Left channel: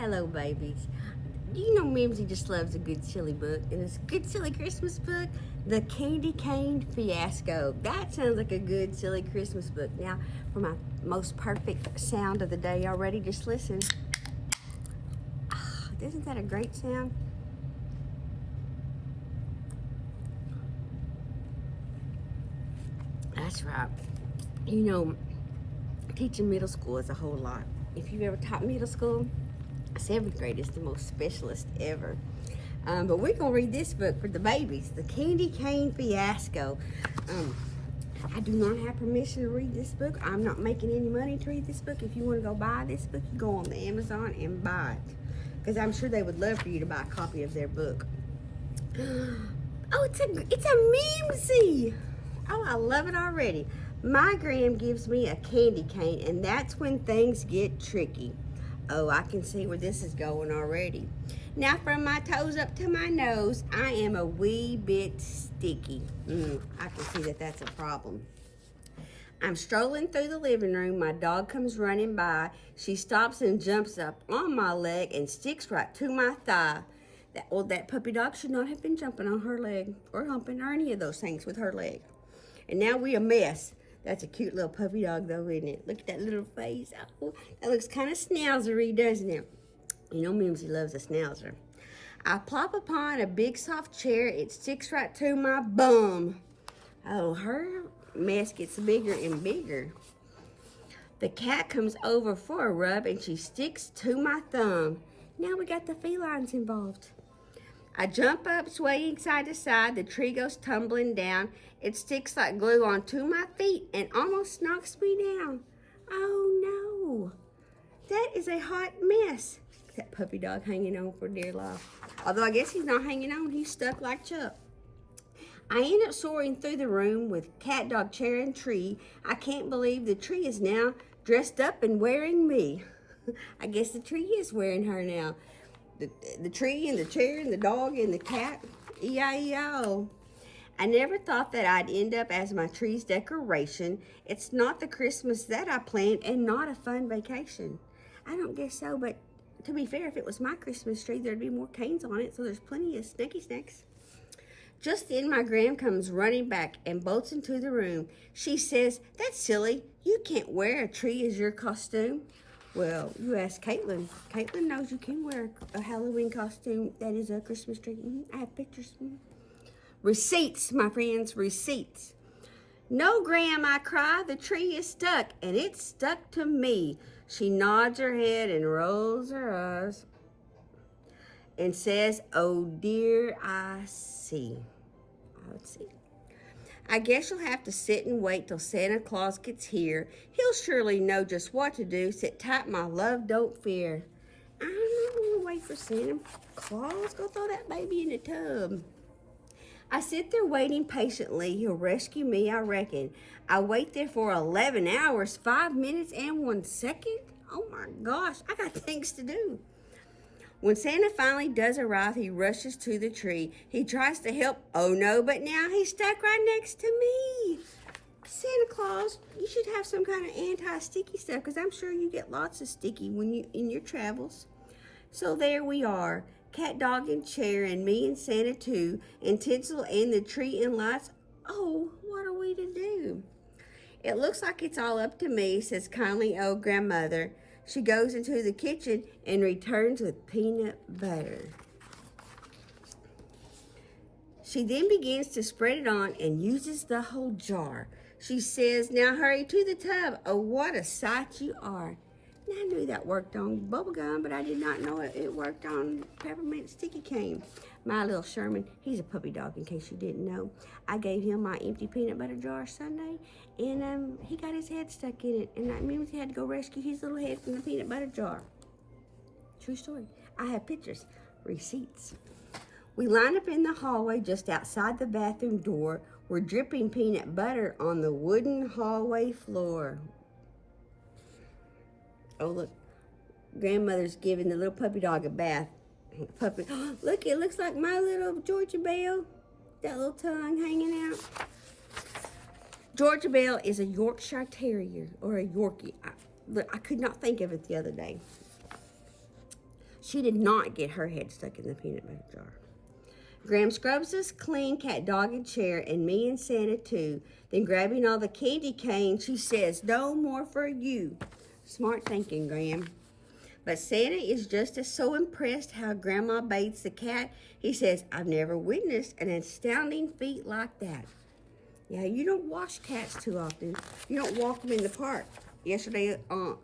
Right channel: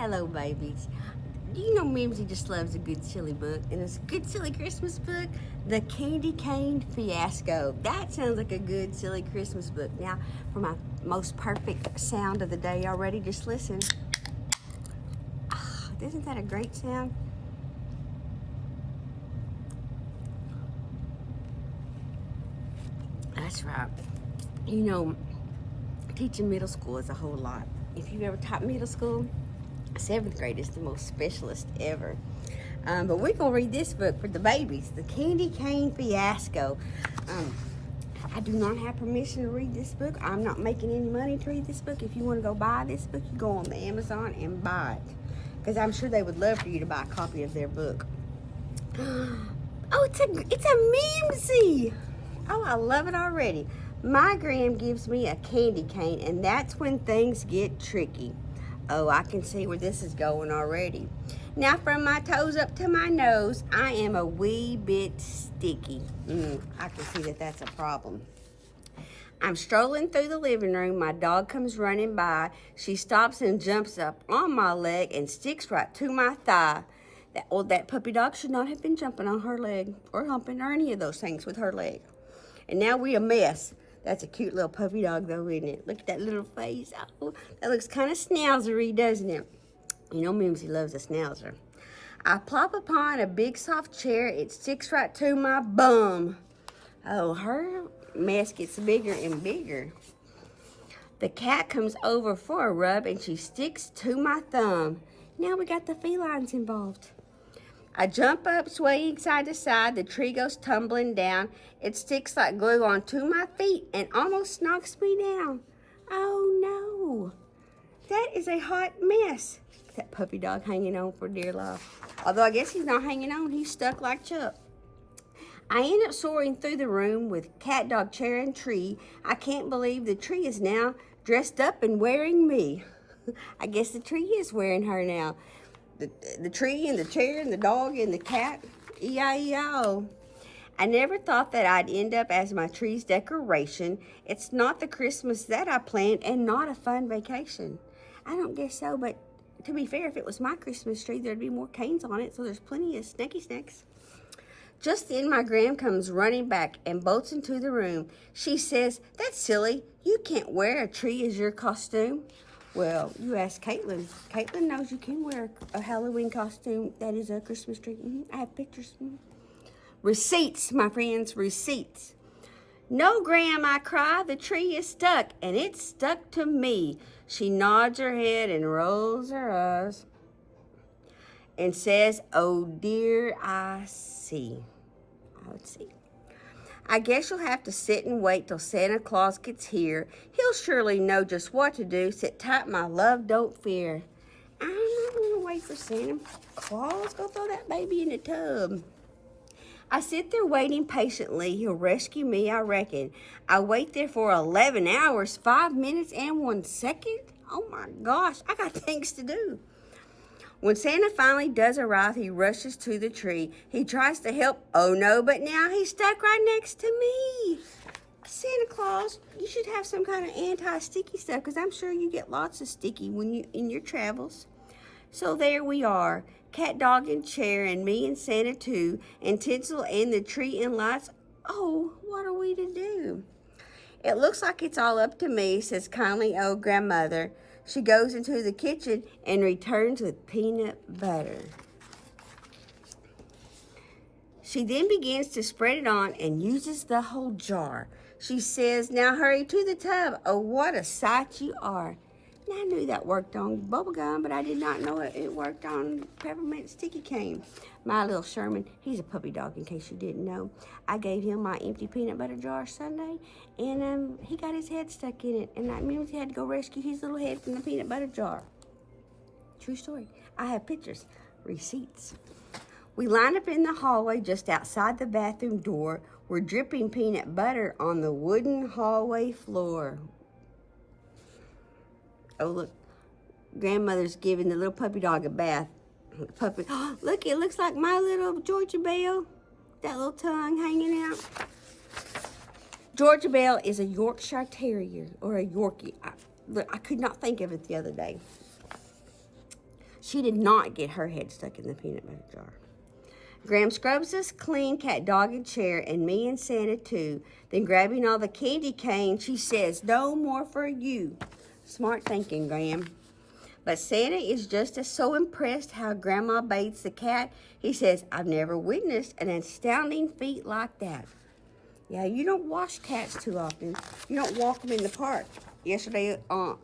Hello, babies. You know Mimzie just loves a good silly book, and it's a good silly Christmas book, The Candy Cane Fiasco. That sounds like a good silly Christmas book. Now, for my most perfect sound of the day already, just listen. Isn't that a great sound? That's right. You know, teaching middle school is a whole lot. If you've ever taught middle school, 7th grade is the most specialist ever. But we're going to read this book for the babies, The Candy Cane Fiasco. I do not have permission to read this book. I'm not making any money to read this book. If you want to go buy this book, you go on the Amazon and buy it. Because I'm sure they would love for you to buy a copy of their book. Oh, it's a Mimzie. Oh, I love it already. My gram gives me a candy cane, and that's when things get tricky. Oh, I can see where this is going already. Now, from my toes up to my nose, I am a wee bit sticky. I can see that that's a problem. I'm strolling through the living room. My dog comes running by. She stops and jumps up on my leg and sticks right to my thigh. That puppy dog should not have been jumping on her leg or humping or any of those things with her leg. And now we a mess. That's a cute little puppy dog, though, isn't it? Look at that little face. Oh, that looks kind of schnauzery, doesn't it? You know Mimzie loves a schnauzer. I plop upon a big soft chair. It sticks right to my bum. Oh, her mess gets bigger and bigger. The cat comes over for a rub, and she sticks to my thumb. Now we got the felines involved. I jump up, swaying side to side. The tree goes tumbling down. It sticks like glue onto my feet and almost knocks me down. Oh, no. That is a hot mess. That puppy dog hanging on for dear life. Although I guess he's not hanging on. He's stuck like Chuck. I end up soaring through the room with cat, dog, chair, and tree. I can't believe the tree is now dressed up and wearing me. I guess the tree is wearing her now. The tree and the chair and the dog and the cat. E-I-E-I-O. I never thought that I'd end up as my tree's decoration. It's not the Christmas that I planned and not a fun vacation. I don't guess so, but to be fair, if it was my Christmas tree, there'd be more canes on it, so there's plenty of snacky snacks. Just then, my gram comes running back and bolts into the room. She says, "That's silly. You can't wear a tree as your costume." Well, you ask Caitlin. Caitlin knows you can wear a Halloween costume that is a Christmas tree. I have pictures. Receipts, my friends, receipts. "No, Gram," I cry. "The tree is stuck, and it's stuck to me." She nods her head and rolls her eyes and says, "Oh, dear, I see." Let's see. "I guess you'll have to sit and wait till Santa Claus gets here. He'll surely know just what to do. Sit tight, my love, don't fear." I'm not going to wait for Santa Claus. Go throw that baby in the tub. I sit there waiting patiently. He'll rescue me, I reckon. I wait there for 11 hours, 5 minutes, and 1 second. Oh my gosh, I got things to do. When Santa finally does arrive, he rushes to the tree. He tries to help. Oh no, but now he's stuck right next to me. Santa Claus, you should have some kind of anti-sticky stuff, because I'm sure you get lots of sticky when you in your travels. So there we are, cat, dog, and chair, and me and Santa too, and tinsel and the tree and lights. Oh, what are we to do? "It looks like it's all up to me," says kindly old grandmother. She goes into the kitchen and returns with peanut butter. She then begins to spread it on and uses the whole jar. She says, "Now hurry to the tub. Oh, what a sight you are." Now, I knew that worked on bubble gum, but I did not know it worked on peppermint sticky cane. My little Sherman, he's a puppy dog in case you didn't know. I gave him my empty peanut butter jar Sunday, and he got his head stuck in it, and that means he had to go rescue his little head from the peanut butter jar. True story. I have pictures, receipts. We line up in the hallway just outside the bathroom door. We're dripping peanut butter on the wooden hallway floor. Oh, look. Grandmother's giving the little puppy dog a bath. Puppy. Oh, look, it looks like my little Georgia Belle. That little tongue hanging out. Georgia Belle is a Yorkshire Terrier, or a Yorkie. I could not think of it the other day. She did not get her head stuck in the peanut butter jar. Graham scrubs us clean, cat, dog, and chair, and me and Santa too. Then grabbing all the candy canes, she says, no more for you. Smart thinking, Graham. But Santa is just as so impressed how Grandma bathes the cat. He says, I've never witnessed an astounding feat like that. Yeah, you don't wash cats too often. You don't walk them in the park. Yesterday,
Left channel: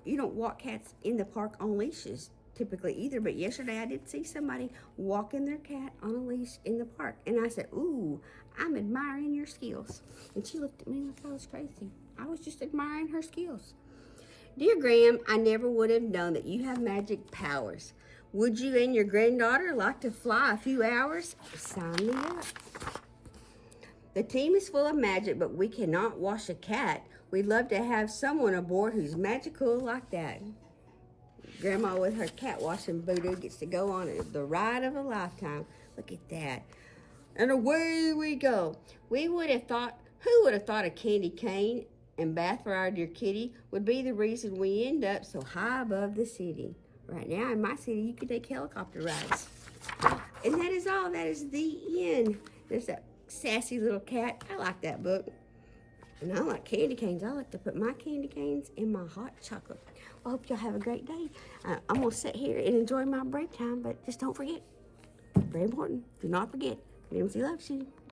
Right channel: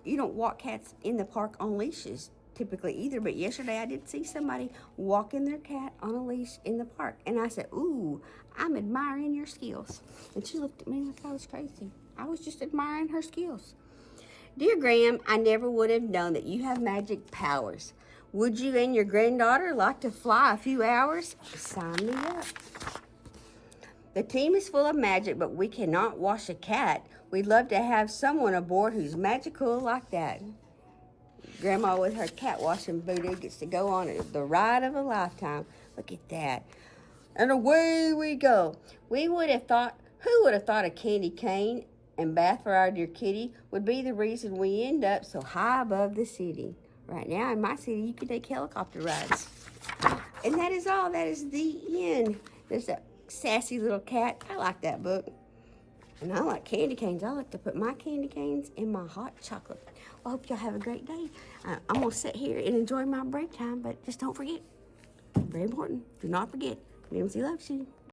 you don't walk cats in the park on leashes typically either. But yesterday, I did see somebody walking their cat on a leash in the park. And I said, ooh, I'm admiring your skills. And she looked at me and I thought it was crazy. I was just admiring her skills. Dear Graham, I never would have known that you have magic powers. Would you and your granddaughter like to fly a few hours? Sign me up. The team is full of magic, but we cannot wash a cat. We'd love to have someone aboard who's magical like that. Grandma with her cat washing booty gets to go on the ride of a lifetime. Look at that. And away we go. Who would have thought a candy cane and bath for our dear kitty would be the reason we end up so high above the city. Right now in my city, you can take helicopter rides. And that is all. That is the end. There's a sassy little cat. I like that book. And I like candy canes. I like to put my candy canes in my hot chocolate. Well, I hope y'all have a great day. I'm going to sit here and enjoy my break time, but just don't forget, very important, do not forget, Mimzie loves you.